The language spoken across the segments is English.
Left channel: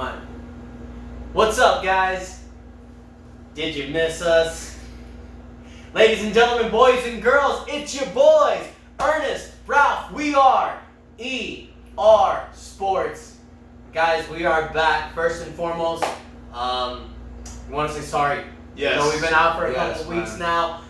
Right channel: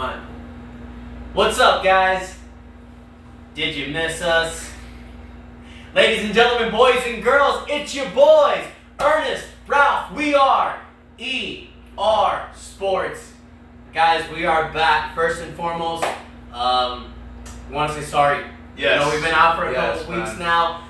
One. What's up, guys? Did you miss us? Ladies and gentlemen, boys and girls, it's your boys, Ernest, Ralph. We are ER Sports. Guys, we are back. First and foremost, we want to say sorry. Yes. You know, we've been out for a couple weeks now.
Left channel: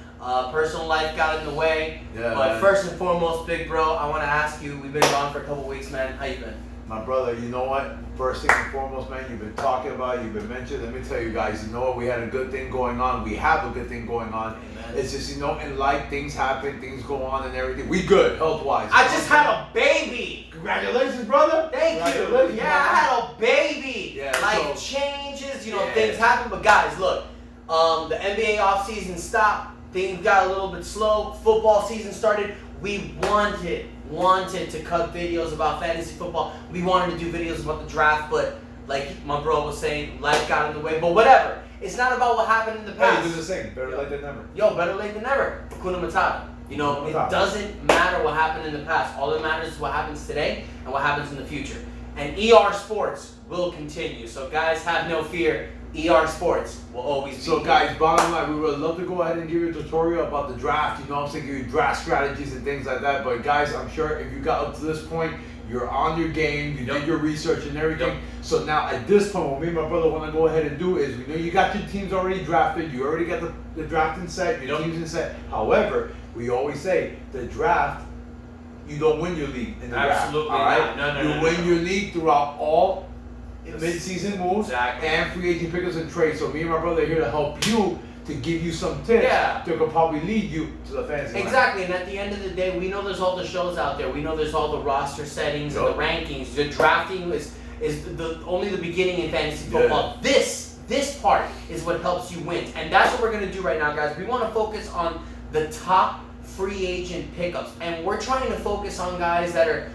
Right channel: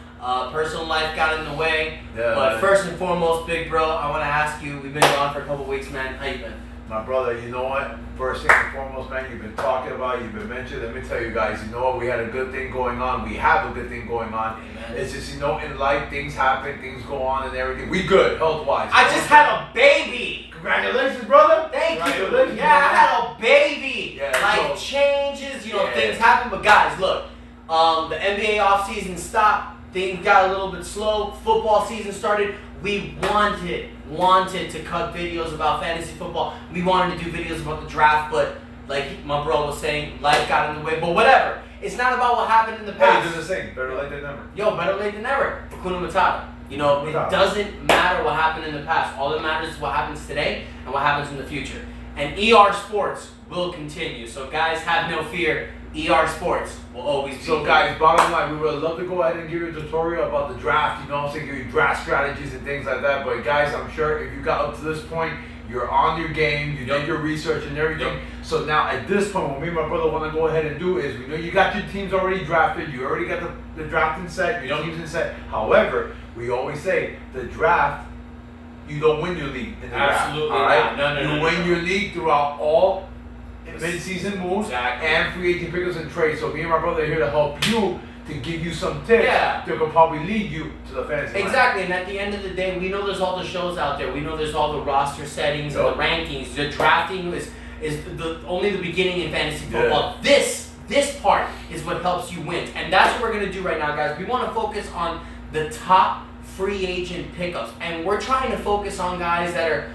Personal life got in the way. Yeah, but man. First and foremost, big bro, I want to ask you, we've been gone for a couple weeks, man. How you been? My brother, you know what? First thing and foremost, man, you've been talking about, you've been mentioned. Let me tell you guys, you know what? We had a good thing going on. We have a good thing going on. Amen. It's just, you know, in life, things happen, things go on and everything. We good, health-wise. I just had a baby. Congratulations, brother. Thank you. Congratulations, Yeah, man. I had a baby. Yeah, Life so- changes, you know, Yeah. things happen. But guys, look, the NBA offseason stopped. Things got a little bit slow. Football season started. We wanted to cut videos about fantasy football. We wanted to do videos about the draft, but like my bro was saying, life got in the way. But whatever. It's not about what happened in the Hey, past. do the same. Better late than never. Yo, better late than never. Hakuna Matata. You know, it doesn't matter what happened in the past. All that matters is what happens today and what happens in the future. And ER Sports will continue. So guys, have no fear. ER Sports will always be So there. guys, bottom line, we would love to go ahead and give you a tutorial about the draft, you know what I'm saying, give you draft strategies and things like that. But guys, I'm sure if you got up to this point, you're on your game, you did your research and everything. Yep. So now at this point, what me and my brother want to go ahead and do is, we know you got your teams already drafted, you already got the drafting set, your teams in set. However, we always say the draft, you don't win your league in the Absolutely draft. All right? not. No, you win your league throughout all mid-season moves Exactly. and free agent pickups and trades. So me and my brother are here to help you, to give you some tips Yeah. that could probably lead you to the fantasy land. Exactly, and at the end of the day, we know there's all the shows out there. We know there's all the roster settings and the rankings. The drafting is only the beginning in fantasy football. This part is what helps you win, and that's what we're gonna do right now, guys. We want to focus on the top free agent pickups, and we're trying to focus on guys that are,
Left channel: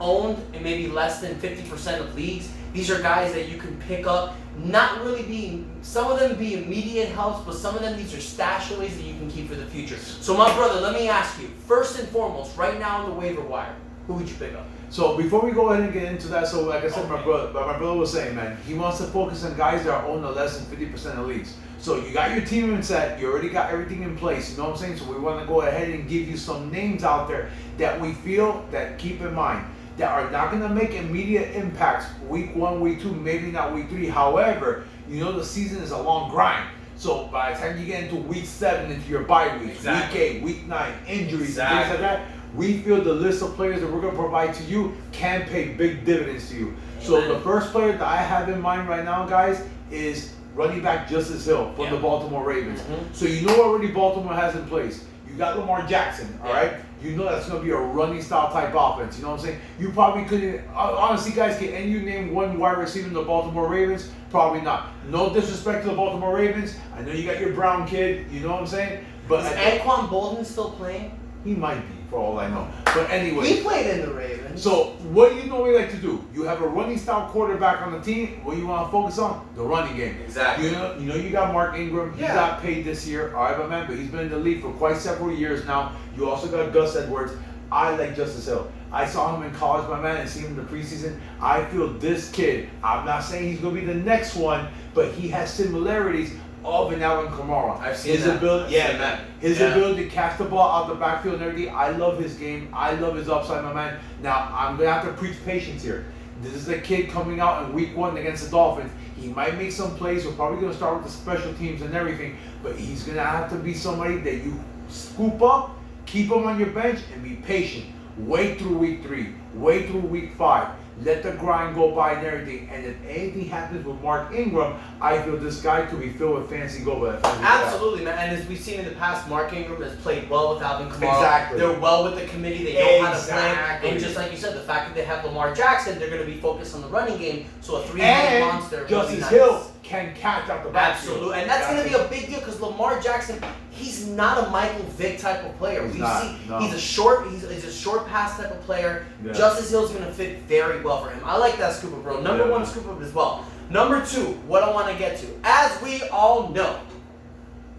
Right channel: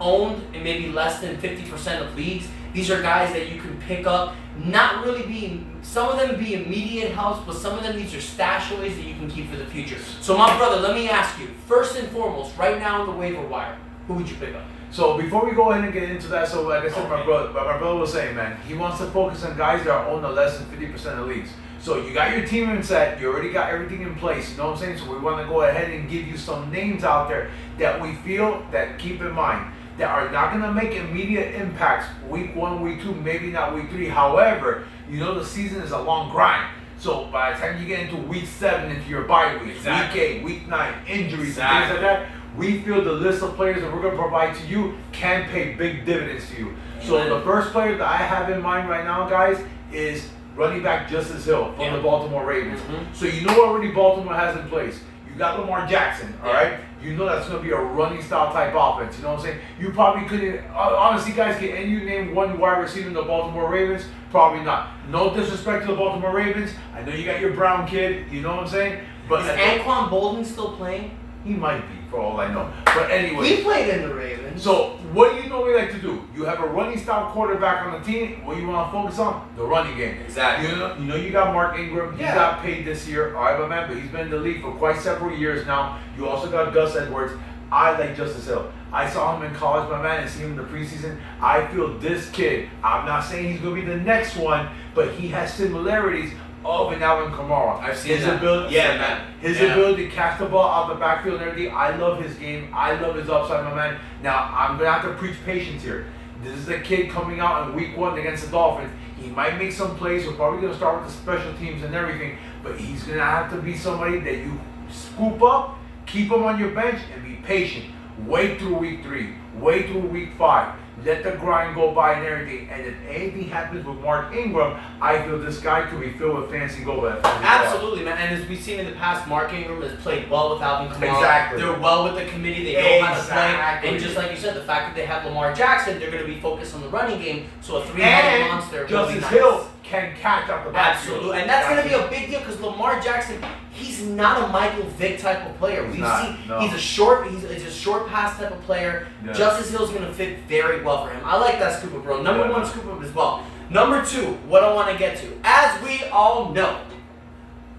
owned in maybe less than 50% of leagues. These are guys that you can pick up, not really being, some of them be immediate helps, but some of them, these are stash aways that you can keep for the future. So my brother, let me ask you, first and foremost, right now on the waiver wire, who would you pick up? So before we go ahead and get into that, so like I said, Okay. my brother was saying, man, he wants to focus on guys that are owned in less than 50% of leagues. So you got your team in set, you already got everything in place, you know what I'm saying? So we want to go ahead and give you some names out there that we feel, that keep in mind, that are not going to make immediate impacts week 1, week 2, maybe not week 3. However, you know the season is a long grind. So by the time you get into week 7, into your bye weeks, Exactly. week 8, week 9, injuries, Exactly. and things like that, we feel the list of players that we're going to provide to you can pay big dividends to you. So Amen. the first player that I have in mind right now, guys, is running back Justice Hill from the Baltimore Ravens. Mhm. So you know what already Baltimore has in place. You got Lamar Jackson, all Yeah. right? You know that's going to be a running style type offense. You know what I'm saying? You probably couldn't, honestly, guys, can you name one wide receiver in the Baltimore Ravens? Probably not. No disrespect to the Baltimore Ravens. I know you got your Brown kid. You know what I'm saying? But Is Anquan Bolden still playing? he might be, for all I know. But anyway. He played in the Ravens. So, what do you normally like to do? You have a running style quarterback on the team. What you want to focus on? The running game. Exactly. You know you got Mark Ingram. He Yeah. got paid this year. All right, but man, but he's been in the league for quite several years now. You also got Gus Edwards. I like Justice Hill. I saw him in college, my man, and see him in the preseason. I feel this kid, I'm not saying he's going to be the next one, but he has similarities of an Alvin Kamara. I've seen his that. ability, Yeah, man. His Yeah. ability to catch the ball out the backfield and everything. I love his game. I love his upside, my man. Now, I'm going to have to preach patience here. This is a kid coming out in week 1 against the Dolphins. He might make some plays. We're probably going to start with the special teams and everything, but he's going to have to be somebody that you scoop up, keep him on your bench, and be patient. Wait through week 3. Wait through week 5. Let the grind go by and everything. And if anything happens with Mark Ingram, I feel this guy could be filled with fancy gold. Absolutely, man. And as we've seen in the past, Mark Ingram has played well with Alvin Kamara. Exactly. They're well with the committee. They know how to play. Exactly. And just like you said, the fact that they have Lamar Jackson, they're going to be focused on the running game. So a three-headed And monster. Justice really nice. Hill can catch out the backfield. Absolutely, and that's going to be a big deal because Lamar Jackson, he's not a Michael Vick type of player. He's We've not, seen no. he's a short pass type of player. Yeah. Justice Hill's going to fit very well for him. I like that scoop up, bro. Number Yeah. 1 scoop up as well. Number 2, what I want to get to, as we all know,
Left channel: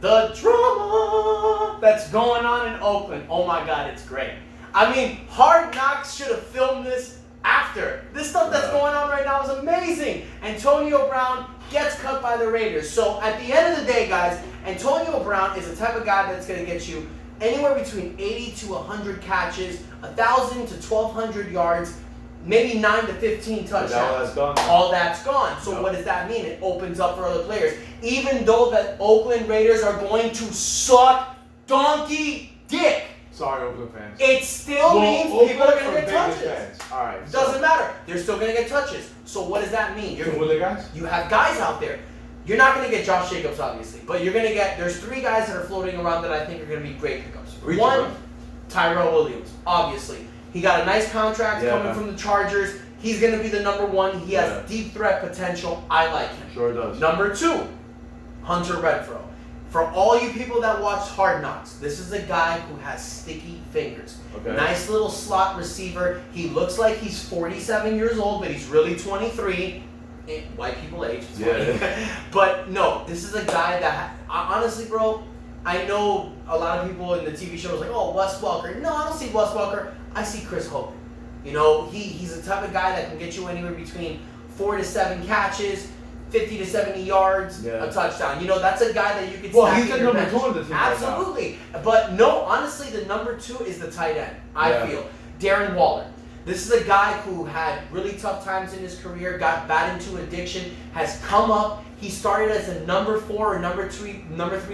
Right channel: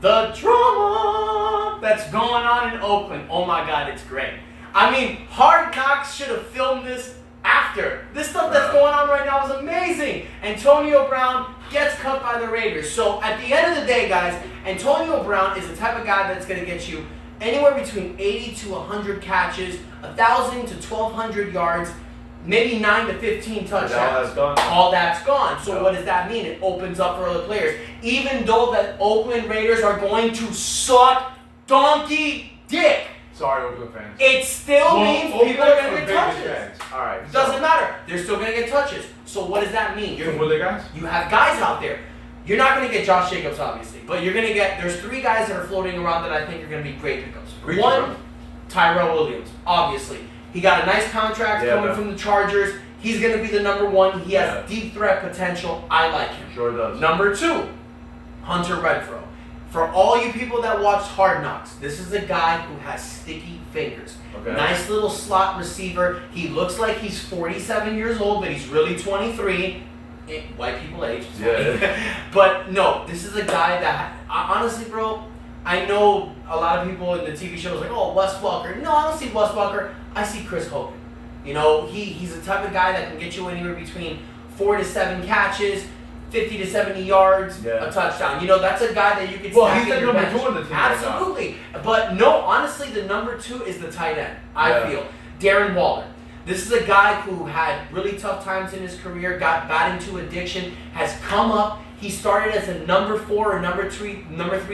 the drama that's going on in Oakland. Oh my God, it's great. I mean, Hard Knocks should have filmed this after. This stuff that's going on right now is amazing. Antonio Brown gets cut by the Raiders. So at the end of the day, guys, Antonio Brown is the type of guy that's going to get you anywhere between 80 to 100 catches, 1,000 to 1,200 yards, maybe 9 to 15 touchdowns. All that's gone. So what does that mean? It opens up for other players. Even though the Oakland Raiders are going to suck donkey dick. Sorry, Oakland fans. It still means people are going to get touches. All right. It doesn't matter. They're still going to get touches. So what does that mean? So what are they guys? You have guys out there. You're not going to get Josh Jacobs, obviously, but you're going to get. There's 3 guys that are floating around that I think are going to be great pickups. One, Tyrell Williams, obviously. He got a nice contract coming from the Chargers. He's going to be the number 1. He has deep threat potential. I like him. Sure does. Number 2, Hunter Renfrow. For all you people that watched Hard Knocks, this is a guy who has sticky fingers. Okay. Nice little slot receiver. He looks like he's 47 years old, but he's really 23. White people age. But no, this is a guy that, honestly, bro, I know a lot of people in the TV shows like, oh, Wes Welker. No, I don't see Wes Welker. I see Chris Hogan. You know, he's the type of guy that can get you anywhere between 4 to 7 catches, 50 to 70 yards, a touchdown. You know, that's a guy that you could stack he's in your bench. number 2 on the team. Absolutely. But no, honestly, the number 2 is the tight end, I feel. Darren Waller. This is a guy who had really tough times in his career, got bad into addiction, has come up. He started as a number 4 or number 3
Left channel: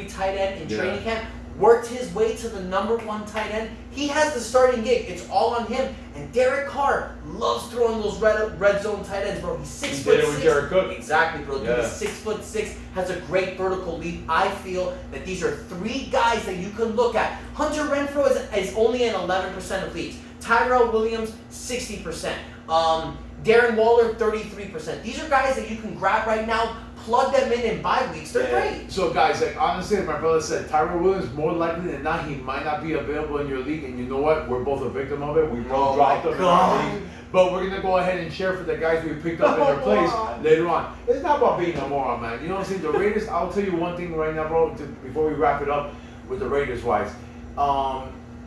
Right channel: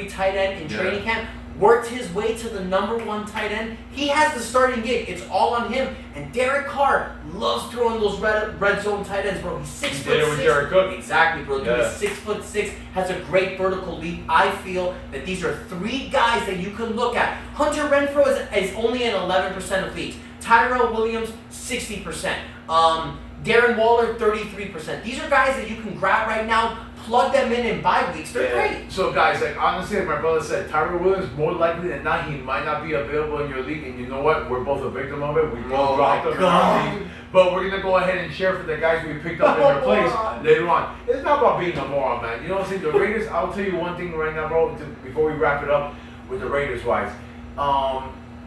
tight end in training camp, worked his way to the number 1 tight end. He has the starting gig. It's all on him. And Derek Carr loves throwing those red zone tight ends, bro. He's 6'6". With Jared Cook. Exactly, bro. Dude, he's 6'6", has a great vertical leap. I feel that these are 3 guys that you can look at. Hunter Renfrow is only in 11% of leagues. Tyrell Williams, 60%. Darren Waller, 33%. These are guys that you can grab right now, plug them in bye weeks. They're great. So, guys, like honestly, like my brother said, Tyrell Williams, more likely than not, he might not be available in your league. And you know what? We're both a victim of it. We both dropped him in our league. But we're going to go ahead and share for the guys we picked up in their place later on. It's not about being a moron, man. You know what I'm saying? The Raiders, I'll tell you one thing right now, bro, before we wrap it up with the Raiders-wise.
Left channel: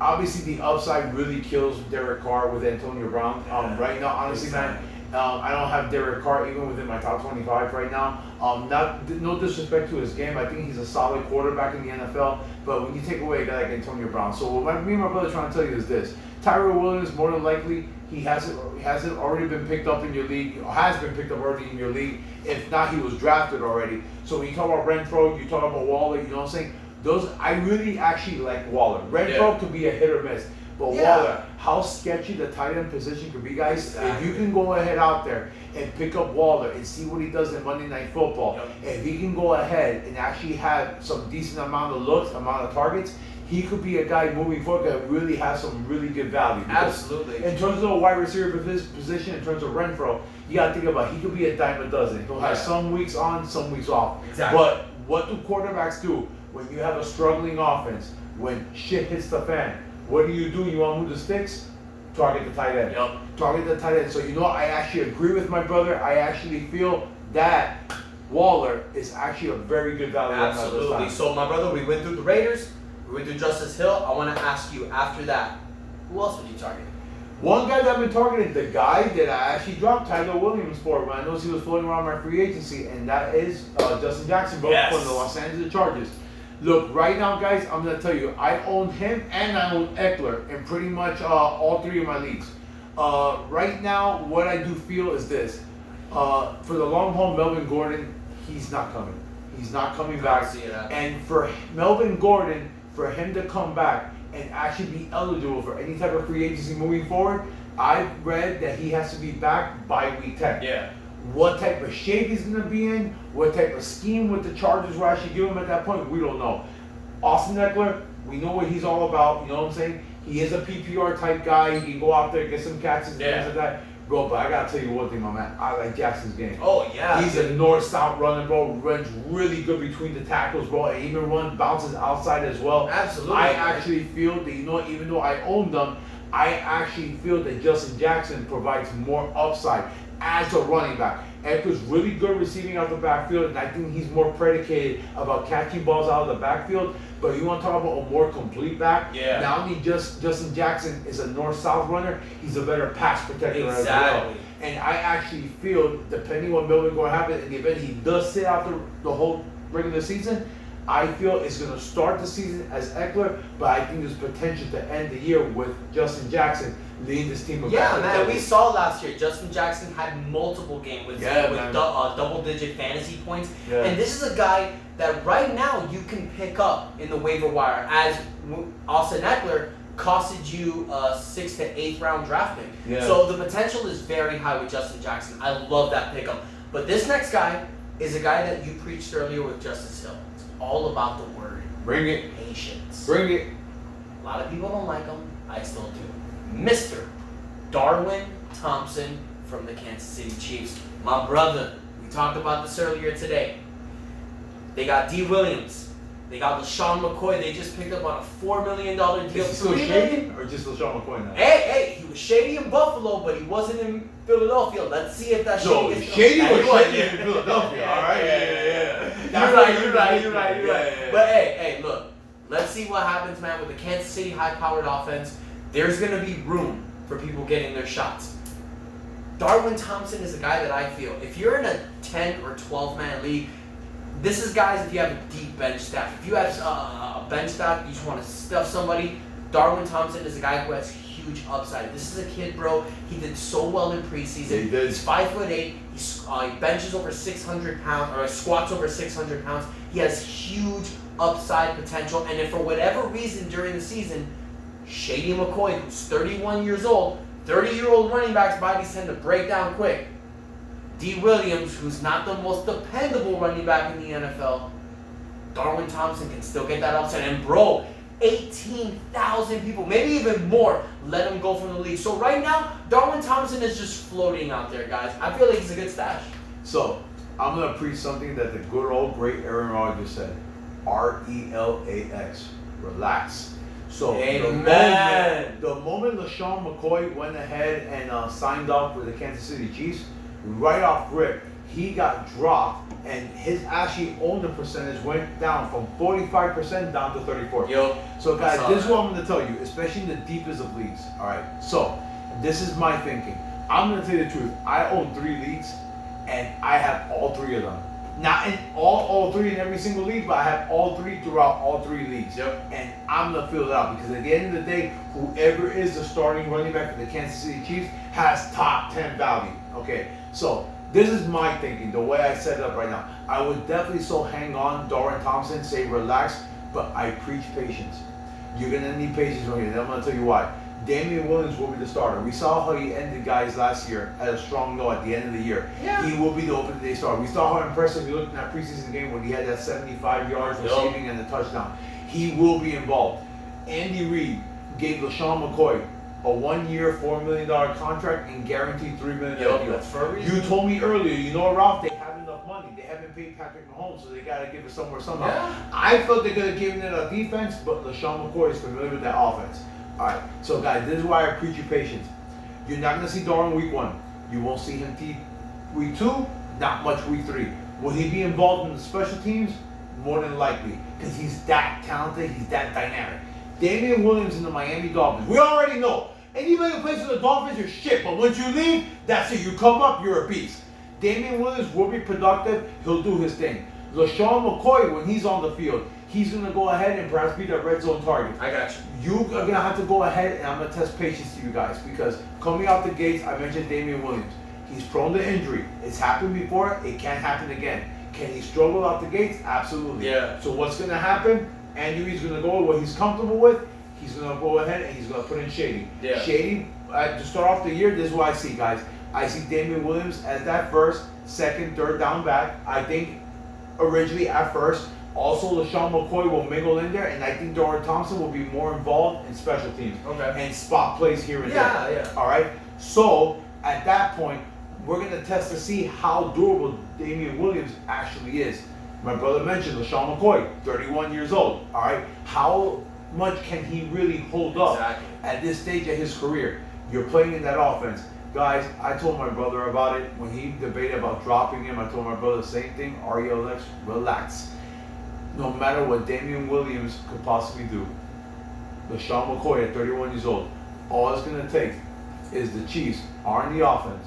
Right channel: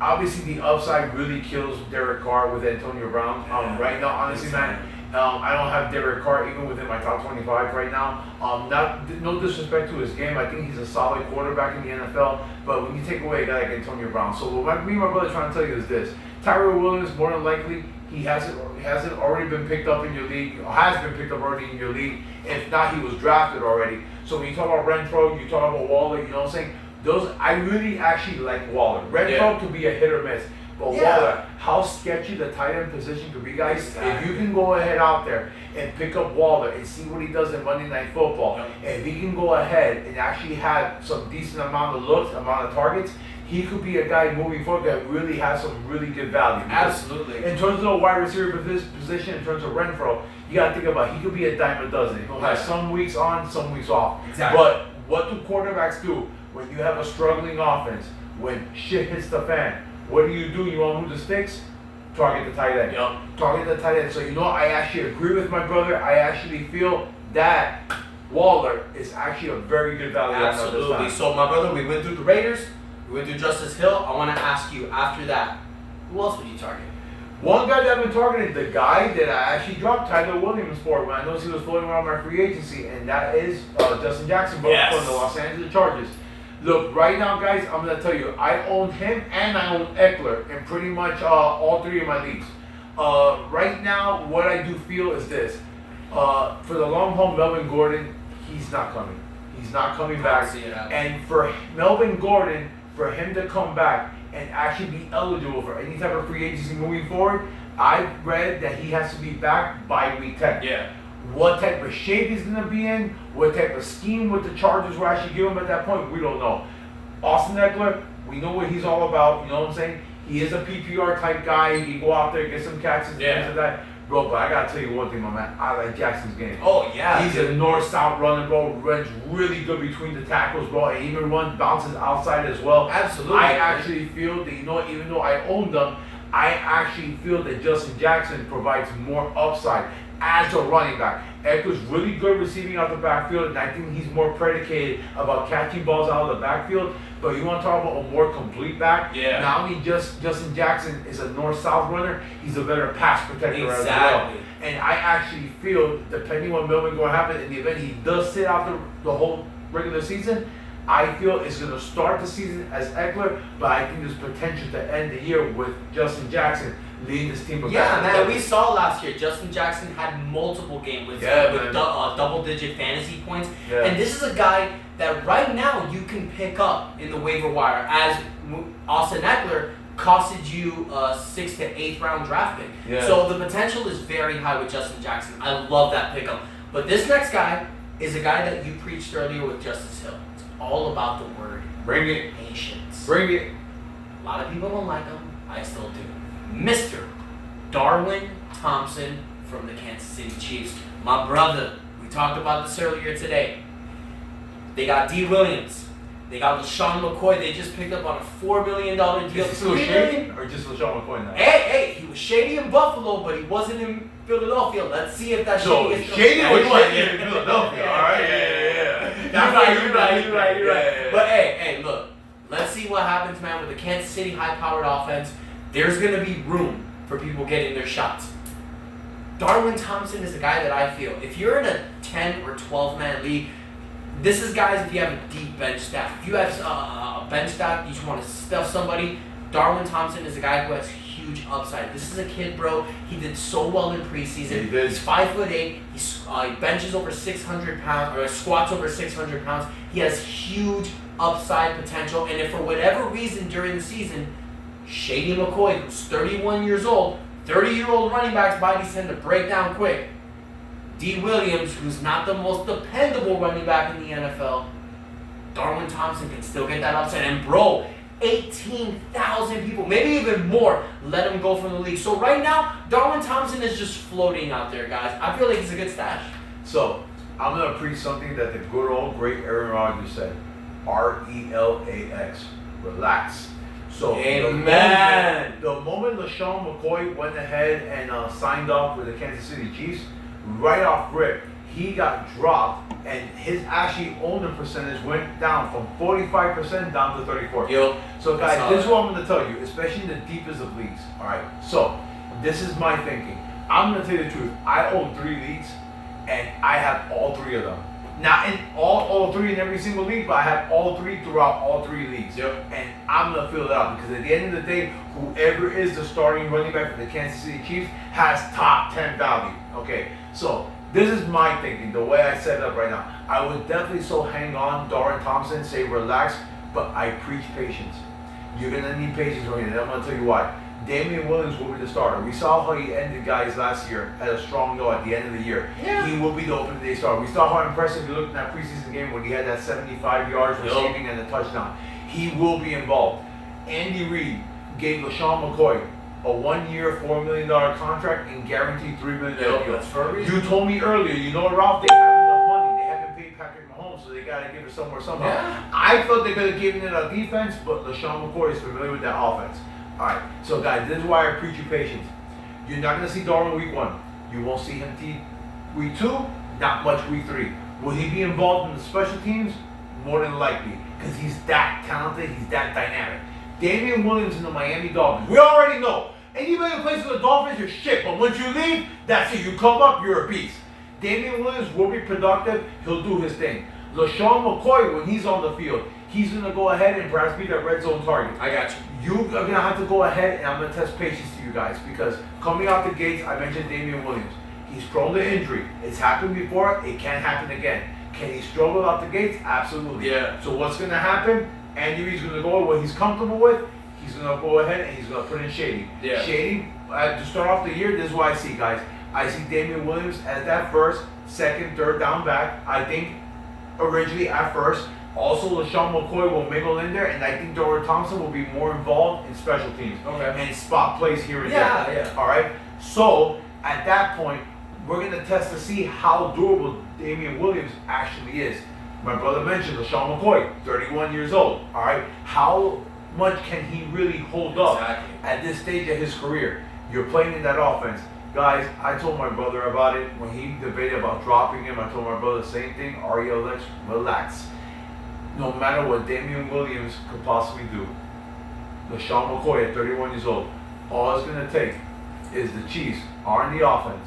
Obviously, the upside really kills Derek Carr with Antonio Brown. Right now, honestly, man, I don't have Derek Carr even within my top 25 right now. No disrespect to his game. I think he's a solid quarterback in the NFL. But when you take away a guy like Antonio Brown, so what me and my brother are trying to tell you is this: Tyrell Williams, more than likely, he hasn't already been picked up in your league. Has been picked up already in your league. If not, he was drafted already. So when you talk about Renfrow, you talk about Waller. You know what I'm saying? I really actually like Waller. Renfrow could be a hit or miss. But Waller, how sketchy the tight end position could be, guys. Exactly. If you can go ahead out there and pick up Waller and see what he does in Monday Night Football, if he can go ahead and actually have some decent amount of targets, he could be a guy moving forward that really has some really good value. Absolutely. In terms of the wide receiver position, in terms of Renfrow, you got to think about he could be a dime a dozen. He'll have some weeks on, some weeks off. Exactly. But what do quarterbacks do when you have a struggling offense, when shit hits the fan? What do? You want to move the sticks? Target the tight end. Target the tight end. So you know, I actually agree with my brother. I actually feel that Waller is actually a very good value. Absolutely. So my brother, we went through the Raiders. We went through Justice Hill. I want to ask you after that, who else would you target? One guy that I've been targeting, the guy that I actually dropped Tyler Williams for when I noticed he was floating around my free agency, and that is Justin Jackson, from the Los Angeles Chargers. Look, right now, guys, I'm going to tell you, I own him and I own Eckler in pretty much all 3 of my leagues. Right now, what I do feel is this. For the long haul, Melvin Gordon, he's not coming. He's not coming back. And for Melvin Gordon, for him to come back and actually be eligible for any type of free agency moving forward, I've read that he has to be back by week 10. What type of shape he's going to be in, what type of scheme with the Chargers will actually give him at that point, we don't know. Austin Eckler, we know what he's all about, you know what I'm saying? He is a PPR type guy. He can go out there, get some catches and things like that. Bro, but I got to tell you one thing, my man. I like Jackson's game. Oh, yeah. He's a north-south runner, bro. Runs really good between the tackles, bro. And even bounces outside as well. Absolutely. I actually feel that, you know, even though I own them, I actually feel that Justin Jackson provides more upside. as a running back. Eckler's really good receiving out the backfield, and I think he's more predicated about catching balls out of the backfield. But you want to talk about a more complete back? Yeah. Not only Justin Jackson is a north-south runner, he's a better pass protector as well. And I actually feel, depending on what Melvin going to happen in the event he does sit out the whole regular season, I feel it's going to start the season as Eckler, but I think there's potential to end the year with Justin Jackson leading this team. Yeah, man, we saw last year, Justin Jackson had multiple games with double-digit fantasy points. Yeah. And this is a guy that right now you can pick up in the waiver wire, as Austin Eckler costed you a 6th to 8th round draft pick. Yeah. So the potential is very high with Justin Jackson. I love that pickup. But this next guy is a guy that you preached earlier with Justice Hill. It's all about the word. Bring it. Patience. Bring it. A lot of people don't like him. I still do. Mr. Darwin Thompson from the Kansas City Chiefs. My brother, we talked about this earlier today. They got D. Williams. They got LaShawn McCoy. They just picked up on a $4 million deal. Is he still shady? Or just LaShawn McCoy now? Hey, he was shady in Buffalo, but he wasn't in Philadelphia. Let's see if that shady is shady was shady in Philadelphia. Yeah, all right? Yeah. You're right. Yeah. But hey, look. Let's see what happens, man, with the Kansas City high-powered offense. There's going to be room for people getting their shots. Darwin Thompson is a guy that I feel, if you're in a 10 or 12-man league, this is guys if you have a deep bench staff. If you have a bench staff, you just want to stuff somebody, Darwin Thompson is a guy who has huge upside. This is a kid, bro. He did so well in preseason. Yeah, he's 5'8". He benches over 600 pounds, or squats over 600 pounds. He has huge upside potential. And if for whatever reason during the season, Shady McCoy, who's 31 years old, 30-year-old running backs' bodies tend to break down quick. D. Williams, who's not the most dependable running back in the NFL, Darwin Thompson can still get that upside. And bro, 18,000 people, maybe even more, let him go from the league. So right now, Darwin Thompson is just floating out there, guys. I feel like he's a good stash. So, I'm going to preach something that the good old great Aaron Rodgers said. RELAX. Relax. So, Amen. The moment LaShawn McCoy went ahead and signed up with the Kansas City Chiefs, right off rip, he got dropped, and his actually owner percentage went down from 45% down to 34%. Yo, so guys, this is what I'm going to tell you, especially in the deepest of leagues. All right. So this is my thinking. I'm going to tell you the truth. I own 3 leagues, and I have all 3 of them. Not in all 3 in every single league, but I have all 3 throughout all 3 leagues. Yep. And I'm going to fill it out because at the end of the day, whoever is the starting running back for the Kansas City Chiefs has top 10 value. Okay. So this is my thinking, the way I set it up right now. I would definitely hang on Darwin Thompson, say relax, but I preach patience. You're going to need patience right here, and I'm going to tell you why. Damian Williams will be the starter. We saw how he ended guys last year at a strong note at the end of the year. Yeah. He will be the opening day starter. We saw how impressive he looked in that preseason game when he had that 75 yards receiving and a touchdown. He will be involved. Andy Reid gave LaShawn McCoy a 1-year, $4 million contract and guaranteed $3 million deal. That's for a reason. You told me earlier, you know, Ralph, they have enough money. They haven't paid Patrick Mahomes, so they got to give it somewhere somehow. Yeah. I felt they could have given it a defense, but LaShawn McCoy is familiar with that offense. All right, so guys, this is why I preach you patience. You're not going to see Darwin week 1. You won't see him week 2, not much week 3. Will he be involved in the special teams? More than likely, because he's that talented, he's that dynamic. Damian Williams in the Miami Dolphins, we already know. Anybody who plays for the Dolphins, you're shit, but once you leave, that's it. You come up, you're a beast. Damian Williams will be productive. He'll do his thing. LaShawn McCoy, when he's on the field, he's going to go ahead and perhaps be that red zone target. I got you. You are going to have to go ahead, and I'm going to test patience to you guys, because coming out the gates, I mentioned Damian Williams. He's prone to injury. It's happened before. It can happen again. Can he struggle out the gates? Absolutely. Yeah. So what's going to happen? Andy Reid's going to go with what he's comfortable with. He's going to go ahead and he's going to put in Shady. Yeah. Shady, to start off the year, this is what I see, guys. I see Damian Williams as that first, second, third down back. I think originally at first, also LaShawn McCoy will mingle in there, and I think Darwin Thompson will be more involved in special teams. Okay. And spot plays here and there. Yeah. All right? So, at that point, we're going to test to see how durable Damian Williams actually is. My brother mentioned LaShawn McCoy, 31 years old. All right? How much can he really hold up at this stage of his career? You're playing in that offense. Guys, I told my brother about it when he debated about dropping him. I told my brother the same thing. RELX, relax. No matter what Damian Williams could possibly do, LaShawn McCoy at 31 years old, all it's going to take is the Chiefs are in the offense.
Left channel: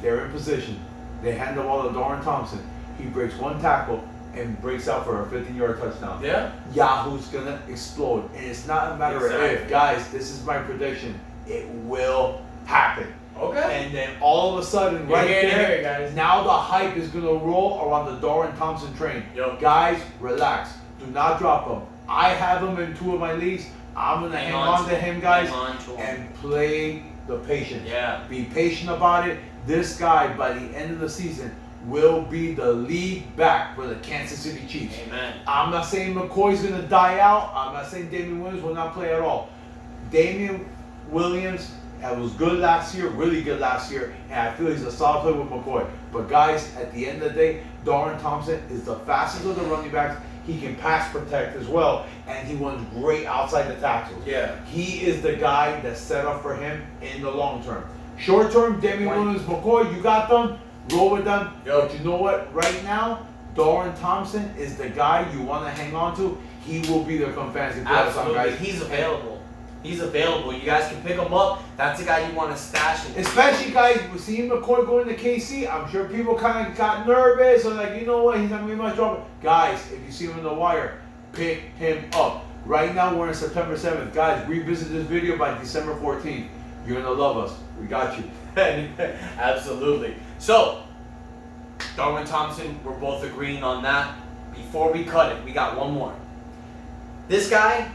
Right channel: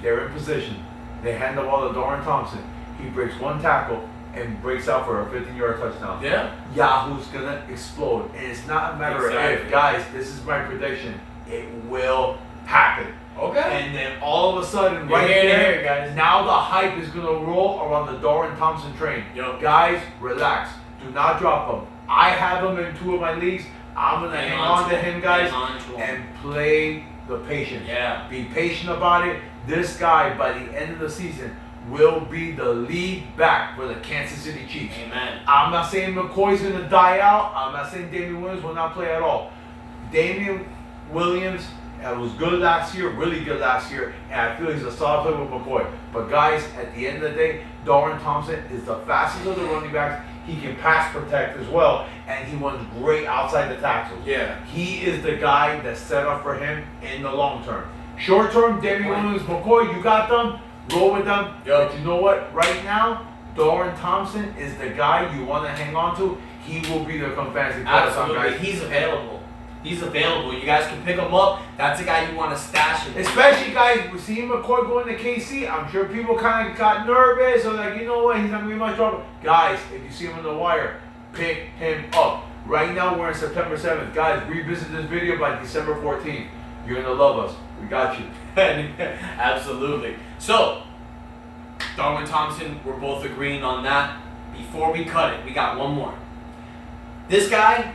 They're in position. They hand the ball to Doran Thompson. He breaks one tackle and breaks out for a 15-yard touchdown. Yeah. Yahoo's going to explode. And it's not a matter of if. Guys, this is my prediction. It will happen. Okay. And then all of a sudden, right there, guys, now the hype is going to roll around the Doran Thompson train. Yo. Guys, relax. Do not drop him. I have him in 2 of my leagues. I'm going to hang on to him, guys, and play the patient. Yeah. Be patient about it. This guy, by the end of the season, will be the lead back for the Kansas City Chiefs. Amen. I'm not saying McCoy's going to die out. I'm not saying Damian Williams will not play at all. Damian Williams was good last year, really good last year, and I feel he's a solid player with McCoy. But guys, at the end of the day, Doran Thompson is the fastest of the running backs. He can pass protect as well, and he runs great outside the tackles. Yeah. He is the guy that's set up for him in the long term. Short term, Damian Williams, McCoy, you got them, roll with them. Yo. But you know what? Right now, Doran Thompson is the guy you want to hang on to. He will be there come fantasy football, Absolutely. guys. He's available. He's available. You guys can pick him up. That's a guy you want to stash it. Especially, guys, we see McCoy going to KC. I'm sure people kind of got nervous. Or like, you know what? He's not going to be much trouble. Guys, if you see him on the wire, pick him up. Right now, we're in September 7th. Guys, revisit this video by December 14th. You're going to love us. We got you. Absolutely. So, Doran Thompson, we're both agreeing on that. Before we cut it, we got one more. This guy,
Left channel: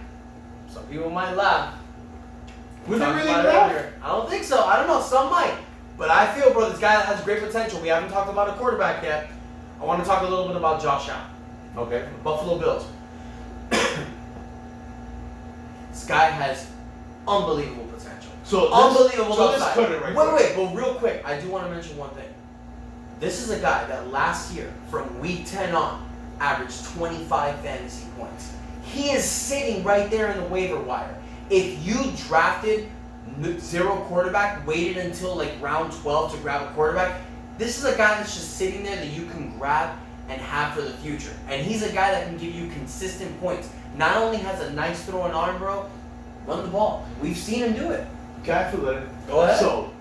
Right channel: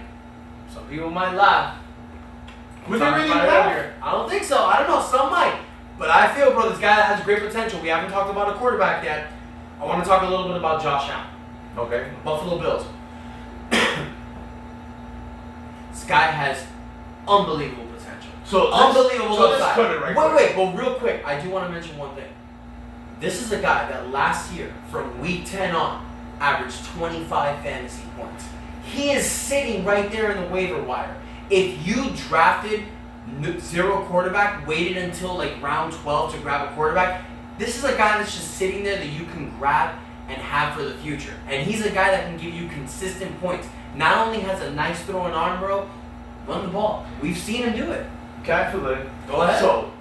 some people might laugh. We talked really about it laugh? earlier. I don't think so. I don't know. Some might. But I feel, bro, this guy that has great potential. We haven't talked about a quarterback yet. I want to talk a little bit about Josh Allen. Okay. Buffalo Bills. This guy has unbelievable potential. So unbelievable. So let's cut it right Wait, but real quick, I do want to mention one thing. This is a guy that last year, from week 10 on, averaged 25 fantasy points. He is sitting right there in the waiver wire. If you drafted 0 quarterback, waited until like round 12 to grab a quarterback, this is a guy that's just sitting there that you can grab and have for the future. And he's a guy that can give you consistent points. Not only has a nice throwing arm, bro, run the ball. We've seen him do it. Can I fill it in? Go ahead. So,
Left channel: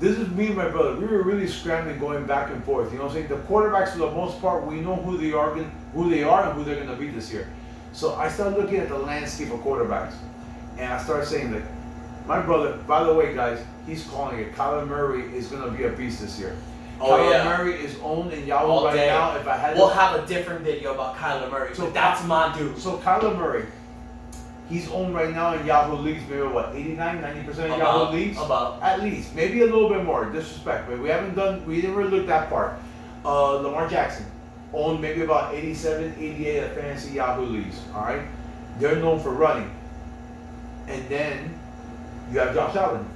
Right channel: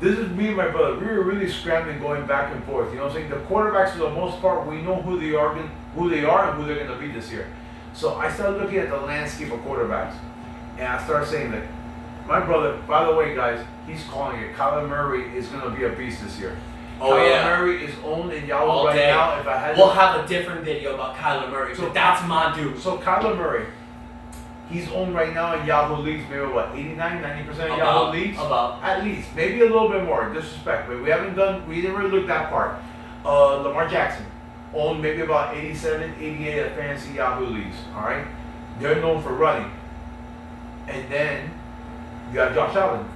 this is me and my brother. We were really scrambling, going back and forth. You know what I'm saying? The quarterbacks, for the most part, we know who they are and who they're going to be this year. So I started looking at the landscape of quarterbacks, and I started saying that my brother, by the way, guys, he's calling it. Kyler Murray is going to be a beast this year. Oh, Kyler yeah. Murray is owned in Yahoo All right day. now. If I had We'll have a different video about Kyler Murray, So but that's my dude. So Kyler Murray, he's owned right now in Yahoo leagues, maybe what, 89, 90% of Yahoo leagues? About. At least, maybe a little bit more, disrespect, but we didn't really look that far. Lamar Jackson owned maybe about 87, 88 of fantasy Yahoo leagues, all right? They're known for running. And then you have Josh Allen.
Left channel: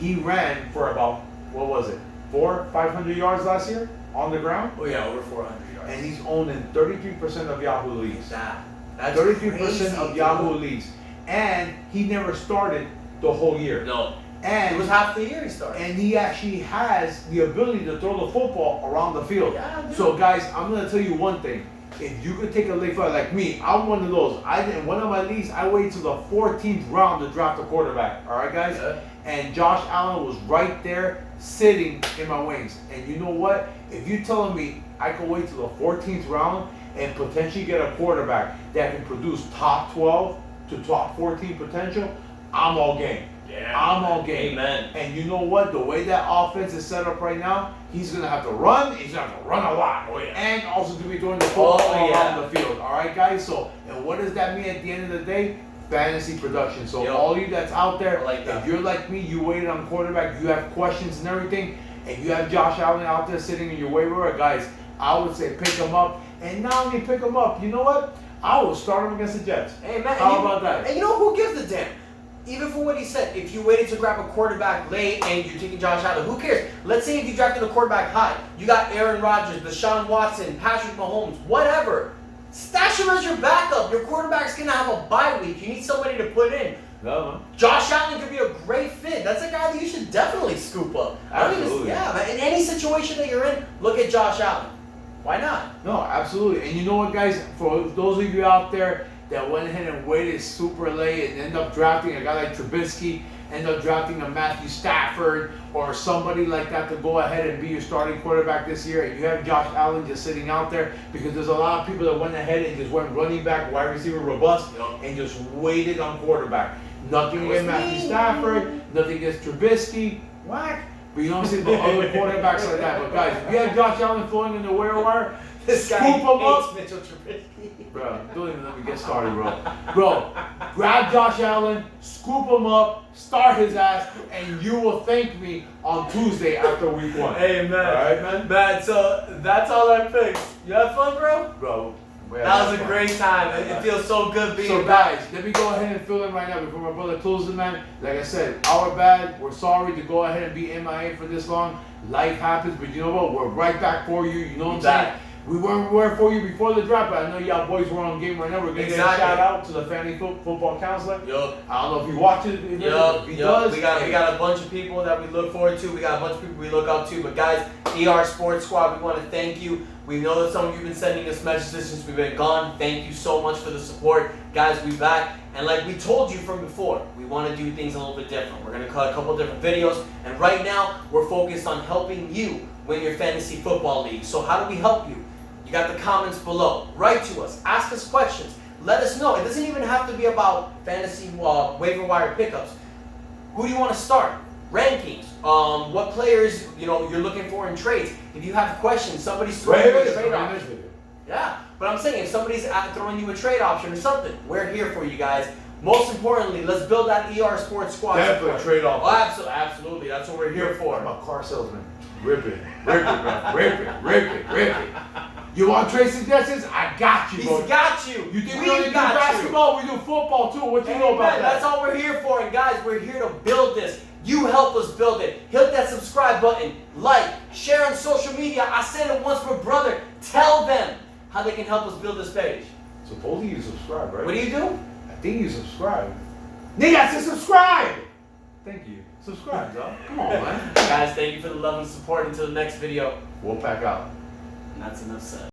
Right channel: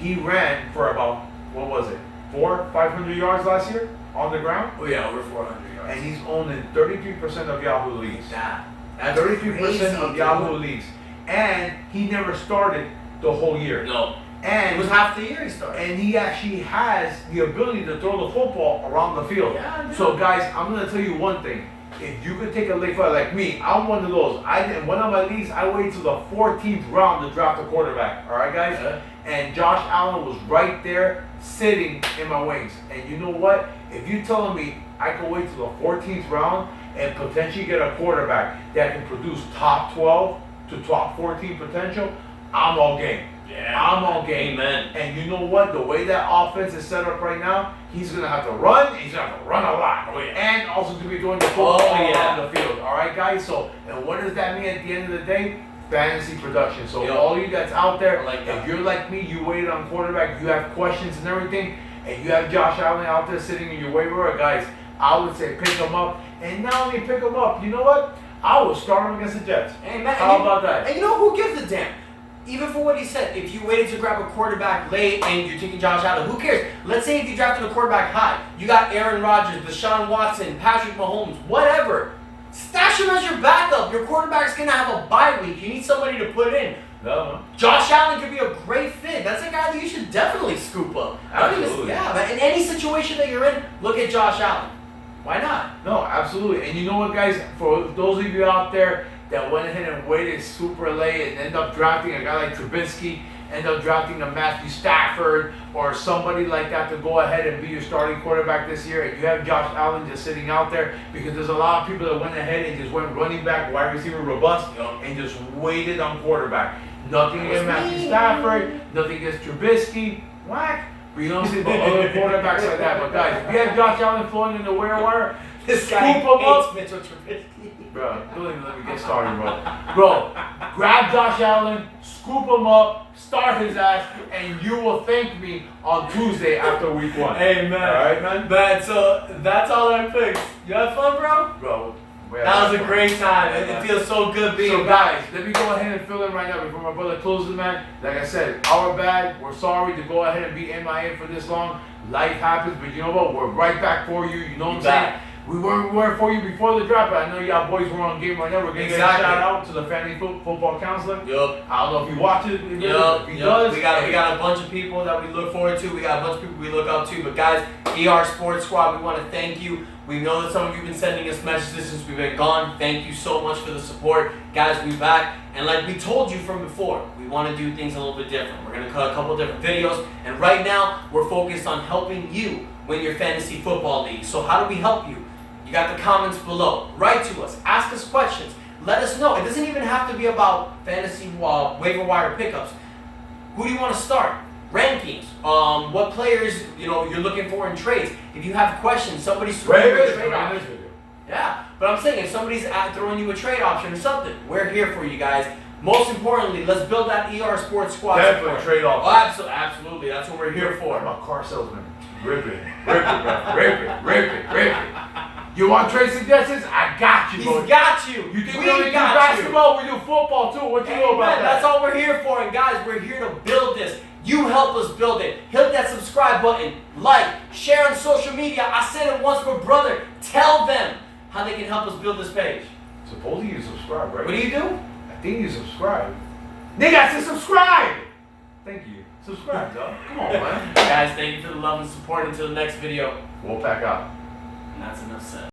He ran for about, what was it, 500 yards last year on the ground? Oh yeah, over 400 yards. And he's owned in 33% of Yahoo leagues. That's 33% crazy, of Yahoo leagues. And he never started the whole year. No. And It was half the year he started. And he actually has the ability to throw the football around the field. Yeah, dude. So guys, I'm gonna tell you one thing. If you could take a late flight like me, I'm one of those. In one of my leagues, I waited till the 14th round to draft a quarterback. All right, guys. Yeah. And Josh Allen was right there, sitting in my wings. And you know what? If you're telling me I could wait till the 14th round and potentially get a quarterback that can produce top 12 to top 14 potential, I'm all game. Yeah. I'm all game. Amen. And you know what? The way that offense is set up right now, he's going to have to run, and he's going to have to run a lot. Oh, yeah. And also to be doing the football yeah. around the field. All right, guys? So, and what does that mean at the end of the day? Fantasy production. So Yo. all you that's out there, I like that. if you're like me, you waited on quarterback, you have questions and everything, and you have Josh Allen out there sitting in your waiver, guys, I would say pick him up. And not only pick him up, you know what? I will start him against the Jets. Hey, man, How about that? And you know who gives a damn? Even for what he said, if you waited to grab a quarterback late and you're taking Josh Allen, who cares? Let's say if you drafted a quarterback high, you got Aaron Rodgers, Deshaun Watson, Patrick Mahomes, whatever. Stash him as your backup. Your quarterback's going to have a bye week. You need somebody to put in. No, man. Josh Allen could be a great fit. That's a guy that you should definitely scoop up. Absolutely. Yeah, man. In any situation that you're in, look at Josh Allen. Why not? No, absolutely. And you know what, guys? For those of you out there that went ahead and waited super late and end up drafting a guy like Trubisky, end up drafting a Matthew Stafford or somebody like that to go ahead and be your starting quarterback this year, and you have Josh Allen just sitting out there, because there's a lot of people that went ahead and just went running back, wide receiver, robust, and just waited on quarterback. Nothing against Matthew Stafford, nothing against Trubisky, whack. But you don't see the other quarterbacks like that. But guys, if you have Josh Allen floating in the waiver wire, This guy scoop him up. hates Mitchell Trubisky. Bro, don't even let me get started, bro. Bro, grab Josh Allen, scoop him up, start his ass, and you will thank me on Tuesday after week 1. Hey, man. All right, man? Man, so that's all I picked. You had fun, bro? Bro. That was a great time. It feels so good being So back. guys, let me go ahead and fill in right now before my brother closes, man. Like I said, our bad. We're sorry to go ahead and be MIA for this long. Life happens, but you know what? We're right back for you. You know what I'm saying? We were for you before the draft, but I know y'all boys were on game right now. We're gonna get a shout out to the family football counselor. Yup. I don't know if he watches. Yup. If he does. We got a bunch of people that we look forward to. We got a bunch of people we look up to. But guys, ER Sports Squad, we want to thank you. We know that some of you have been sending us messages since we've been gone. Thank you so much for the support. Guys, we back. And like we told you from before, we want to do things a little bit different. We're going to cut a couple of different videos. And right now, we're focused on helping you win your fantasy football league. So how do we help you? You got the comments below. Write to us. Ask us questions. Let us know. It doesn't even have to be about fantasy waiver wire pickups. Who do you want to start? Rankings. What players you're looking for in trades. If you have questions, somebody's throwing you a trade option. Yeah, but I'm saying if somebody's throwing you a trade option or something, we're here for you guys. Most importantly, let's build that ER Sports Squad. Definitely trade off. Oh, absolutely. That's what we're here for. I'm a car salesman. Rip it, bro. Rip it. You want trade suggestions? I got you, bro. He's got you. You think we we only do basketball? We do football too. What you know about that? That's all we're here for. And guys, we're here to build this. You help us build it. Hit that subscribe button. Like, share on social media. I said it once, but brother, tell them how they can help us build this page. Supposedly you subscribe, right? What do you do? I think you subscribe. Nigga, I said subscribe! Thank you. Subscribe, dog. Come on, man. Guys, thank you for the love and support. Until the next video. We'll pack out. And that's enough said.